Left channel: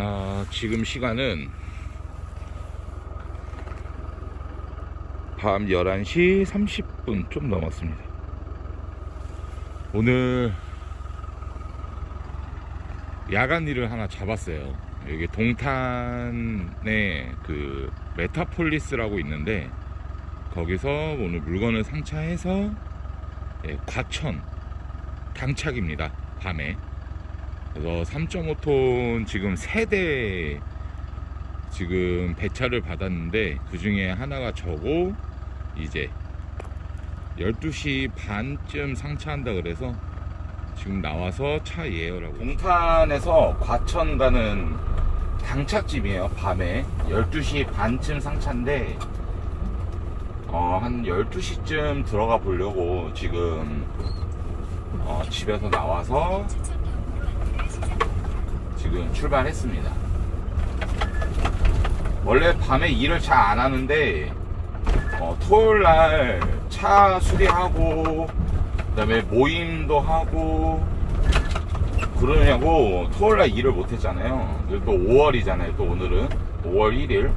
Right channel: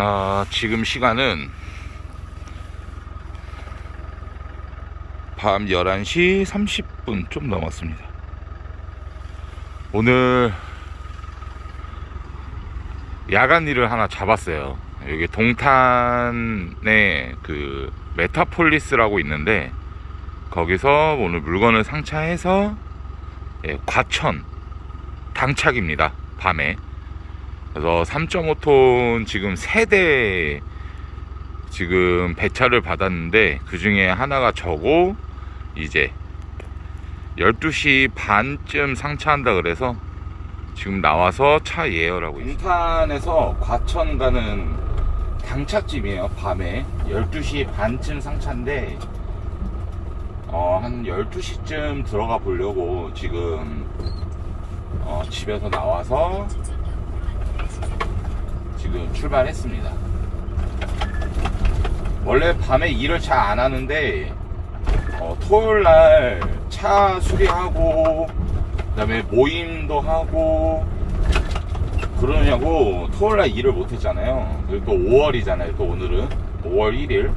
아, 지금 시간은 밤 11시 30분 좀 넘었습니다. 오늘 야간 일을 하나 잡았어요. 여기 동탄에 그 메타폴리스라고 있는데 거기서 오늘 물건을 상차해서 예, 과천 당착입니다. 밤에. 그래서 3.5톤 지금 세대 지금 배차를 받았는데 그 중에 하나가 저고 이제 12시 반쯤 상차한다 그래서 지금 나와서 차 예열하고 있습니다. 동탄에서 과천 가는 당착집이에요. 밤에 12시 반쯤 상차인데 어, 한 12시쯤 들어가 보려고 지금 어, 집에서 나와서 지금 출발했습니다. 원래 밤에 일을 잘 안 하는데 어, 토요일 날 차 수리하고 그다음에 모임도 하고 그러냐고 토요일 날 일을 못 했잖아요. 그리고 또 5월이잖아요. 또 오늘은 5월 1일.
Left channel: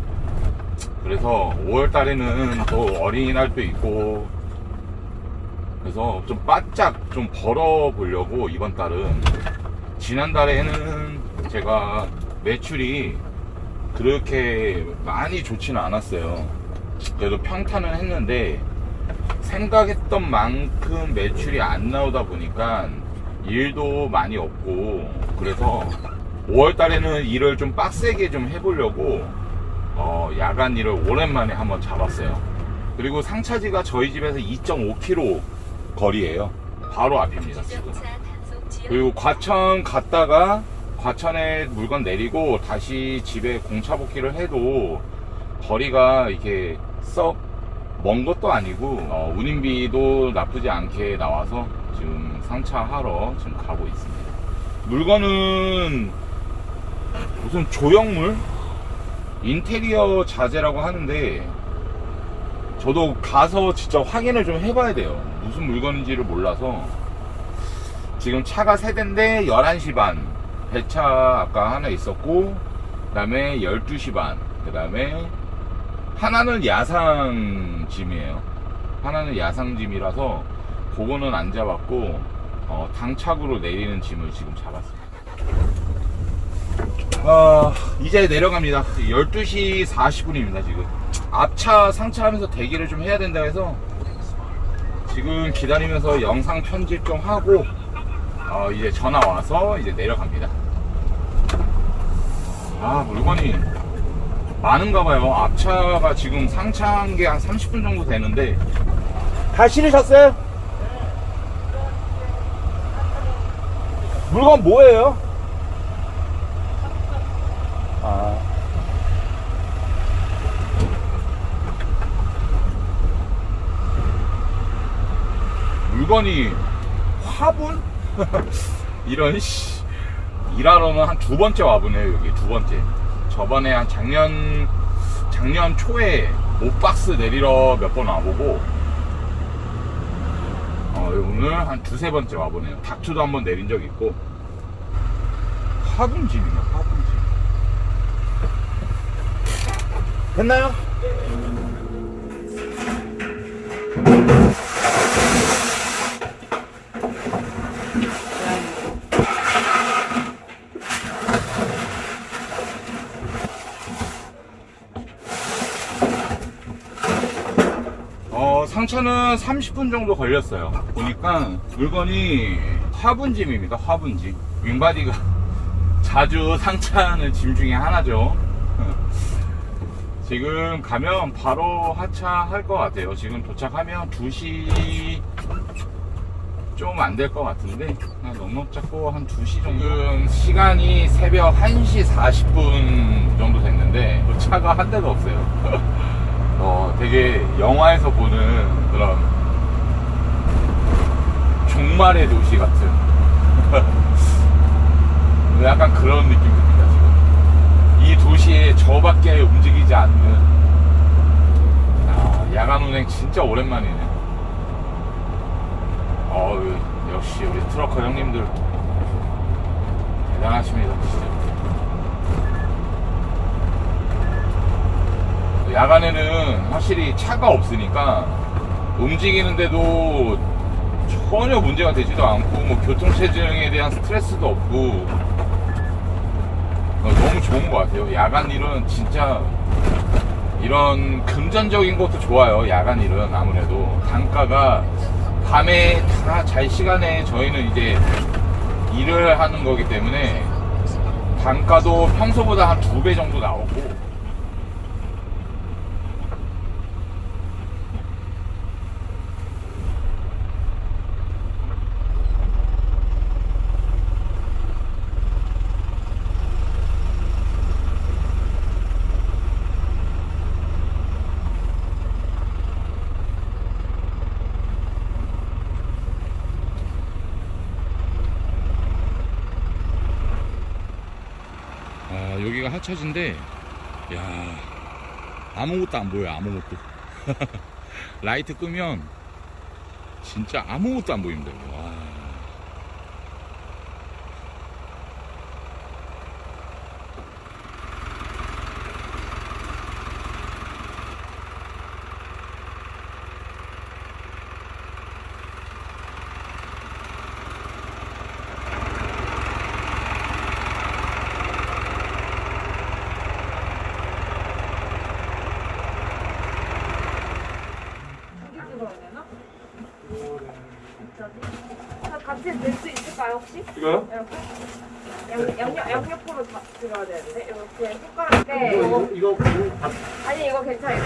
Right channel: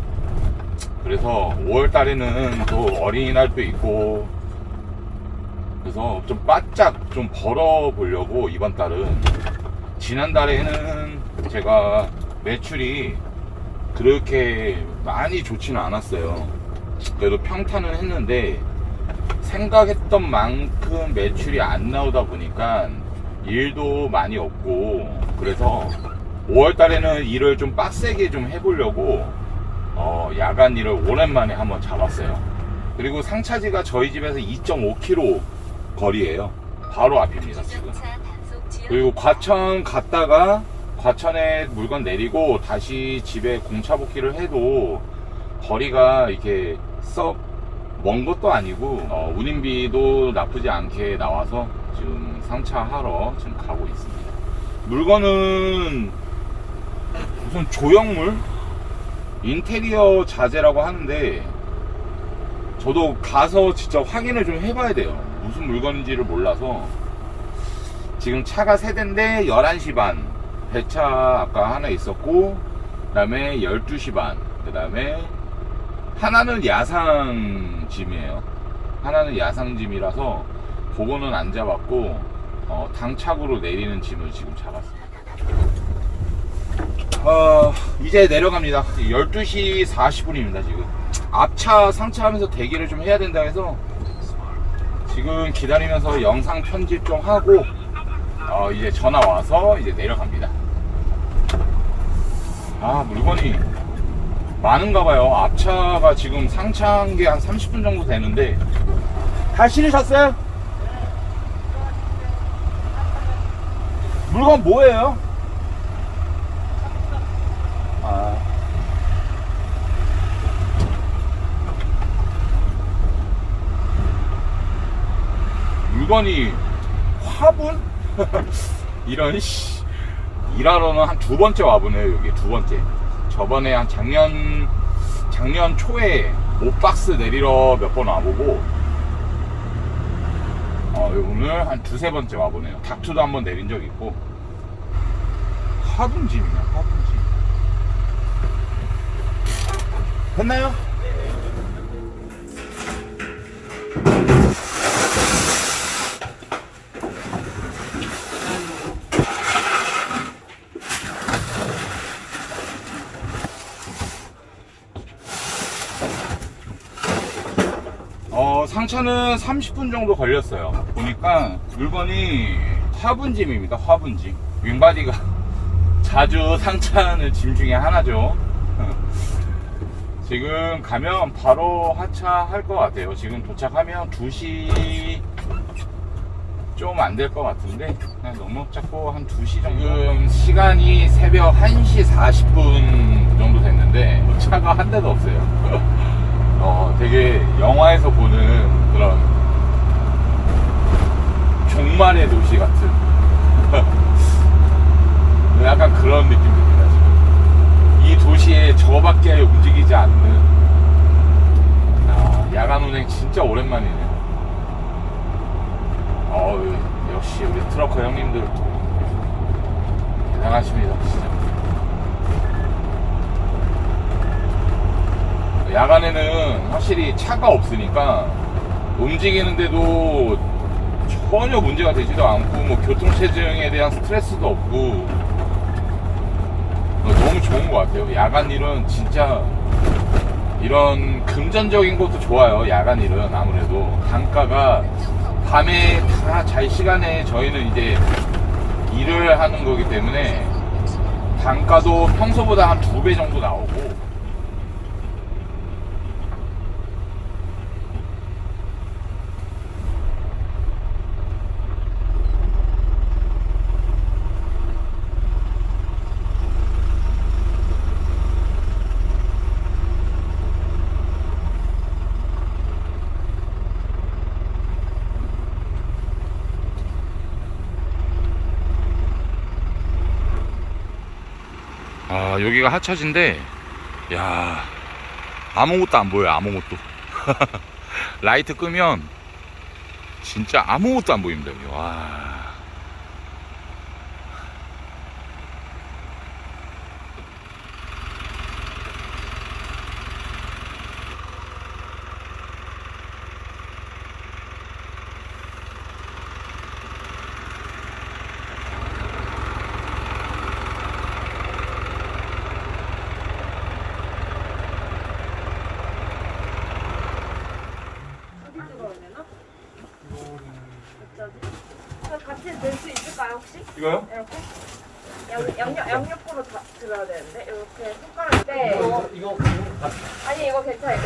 그래서 5월 달에는 또 어린이날도 있고 그래서 좀 바짝 좀 벌어 보려고 이번 달은 지난달에는 제가 매출이 그렇게 많이 좋지는 않았어요. 그래도 평탄을 했는데 생각했던 만큼 매출이 안 나오다 보니까 일도 많이 없고 그래서 5월 달에는 일을 좀 빡세게 좀 해보려고 어, 야간 일을 오랜만에 한번 잡았어요. 그리고 상차지가 저희 집에서 2.5km 거리예요. 바로 앞입니다. 지금. 그리고 과천 갔다가 과천에 물건 내리고 다시 집에 공차 복귀를 해도 거리가 이렇게 썩 먼 것도 아니고 어, 운임비도 나쁘지 않게 나와서 지금 상차하러 지금 가고 있습니다. 물건은 무슨 조형물 인테리어 자재라고 하는데 저도 가서 진짜 확인을 좀 해봐야 돼요. 무슨 물건인지를 몰라서 지금 차가 세 대인데 11시 반. 배차 아까 하나 있었고 그 다음에 12시 반. 그 다음에 하나는 야상짐이에요. 하나는 야상짐이라서 그거는 안 잡았고 어, 당착으로 내리는 짐을 지금 잡았습니다. 아, 이제 내려갑니다. 12시 40분입니다 지금. 앞차 상차하면서 대기를 좀 해야 된다 해서 지금 기다리면서 영상 편집 좀 하고 어, 이제 전화 와서 이제 내려갑니다. 아, 물건이 많은가 봐요. 앞차가 지금 상차한 게 한 30분 정도 되는데 다 실으셨어요? 물건 뭐예요? 아. 물건이 화분? 이런 씨. 일하러는 한 두 번째 와보네요 여기 두 번째. 저번에 한 작년 작년 초에 옷박스 내리러 몇 번 와보고 어, 오늘 한 두세 번째 와보네요. 닥트도 한번 내린 적 있고. 화분짐이네 화분짐. 됐나요? 어, 상차는 30분 정도 걸렸어요. 보니까 물건이 화분짐입니다. 화분짐. 윙바디가 자주 상차하는 짐 중에 하나죠. 지금 가면 바로 하차할 것 같아요. 지금 도착하면 2시 좀 안 될 것 같은데 그냥 넉넉 잡고 한 2시 정도 지금 시간이 새벽 1시 40분 정도 됐는데 뭐 차가 한 대도 없어요. 어, 되게 영화에서 보는 그런 종말의 도시 같은. 약간 그런 느낌입니다 지금. 이 도시에 저밖에 움직이지 않는. 아, 야간 운행 진짜 오랜만이네. 어, 역시 우리 트러커 형님들 대단하십니다 진짜 야간에는 확실히 차가 없으니까 움직이는데도 전혀 문제가 되지도 않고 뭐 교통체증에 대한 스트레스도 없고 어, 너무 좋은 것 같아요. 야간 일은 진짜 이런 금전적인 것도 좋아요. 야간 일은 아무래도 단가가 밤에 다 잘 시간에 저희는 이제 일을 하는 거기 때문에 단가도 평소보다 한 두 배 정도 나오고 아 여기가 하차지인데 야 아무것도 안 보여요 아무것도. 라이트 끄면 진짜 아무것도 안 보입니다 여기. 와 어디 들어야 되나? 갑자기? 저 같이 낼 수 있을까요 혹시? 이거요? 이렇게. 양, 양옆, 양옆으로 다 들어야 되는데 이렇게 손가락 네. 이거 이거 이거 가- 아니 이거 괜찮아요.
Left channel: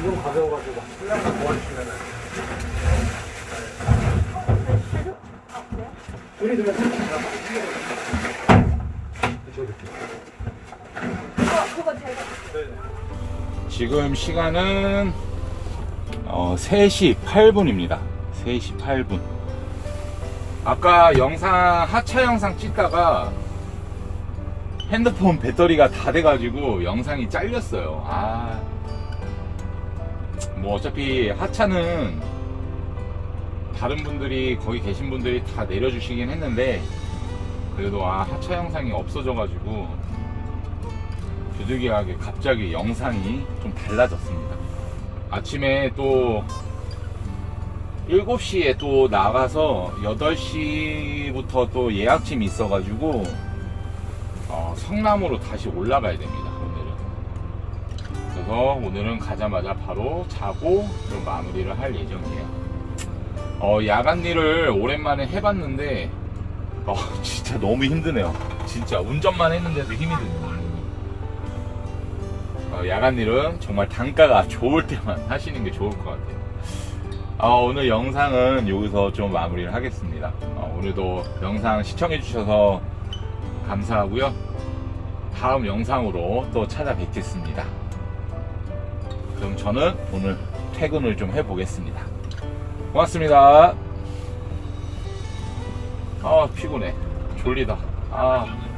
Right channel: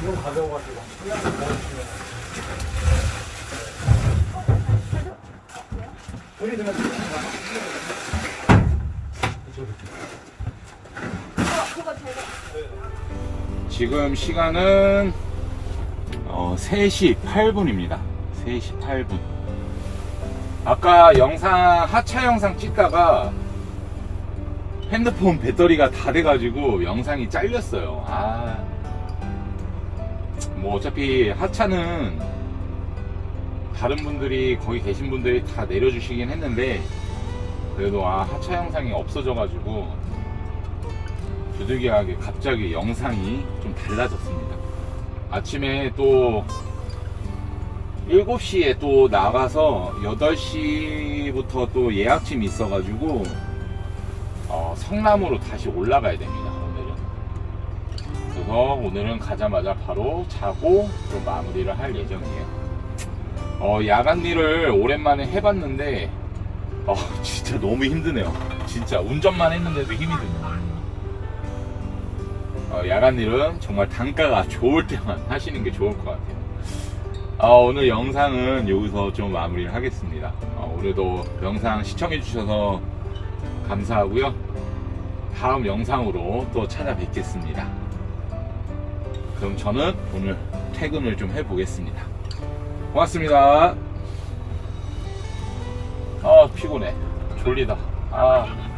이건 가벼워가지고 이렇게 도와주시면 우리 그거 제가 지금 시간은 어, 3시 8분입니다. 3시 8분 아까 영상 하차 영상 찍다가 핸드폰 배터리가 다 돼가지고 영상이 잘렸어요 아, 뭐 어차피 하차는 다른 분들이 거기 계신 분들이 다 내려주시긴 했는데 그래도 아 하차 영상이 없어져가지고 부득이하게 갑자기 영상이 좀 달라졌습니다. 아침에 또 7시에 또 나가서 8시부터 또 예약팀이 있어가지고 어, 성남으로 다시 올라가야 됩니다. 오늘은. 그래서 오늘은 가자마자 바로 자고 또 마무리를 할 예정이에요. 어, 야간 일을 오랜만에 해봤는데 어, 진짜 너무 힘드네요. 진짜 운전만 했는데도 힘이 드네요. 어, 야간 일은 정말 단가가 좋을 때만 하시는 게 좋을 것 같아요. 어, 오늘 영상은 여기서 좀 마무리를 하겠습니다. 어, 오늘도 영상 시청해주셔서 감사하고요. 다음 영상으로 또 찾아뵙겠습니다. 그럼 저는 오늘 퇴근을 좀 해보겠습니다. 고맙습니다. 아, 피곤해. 졸리다. 아.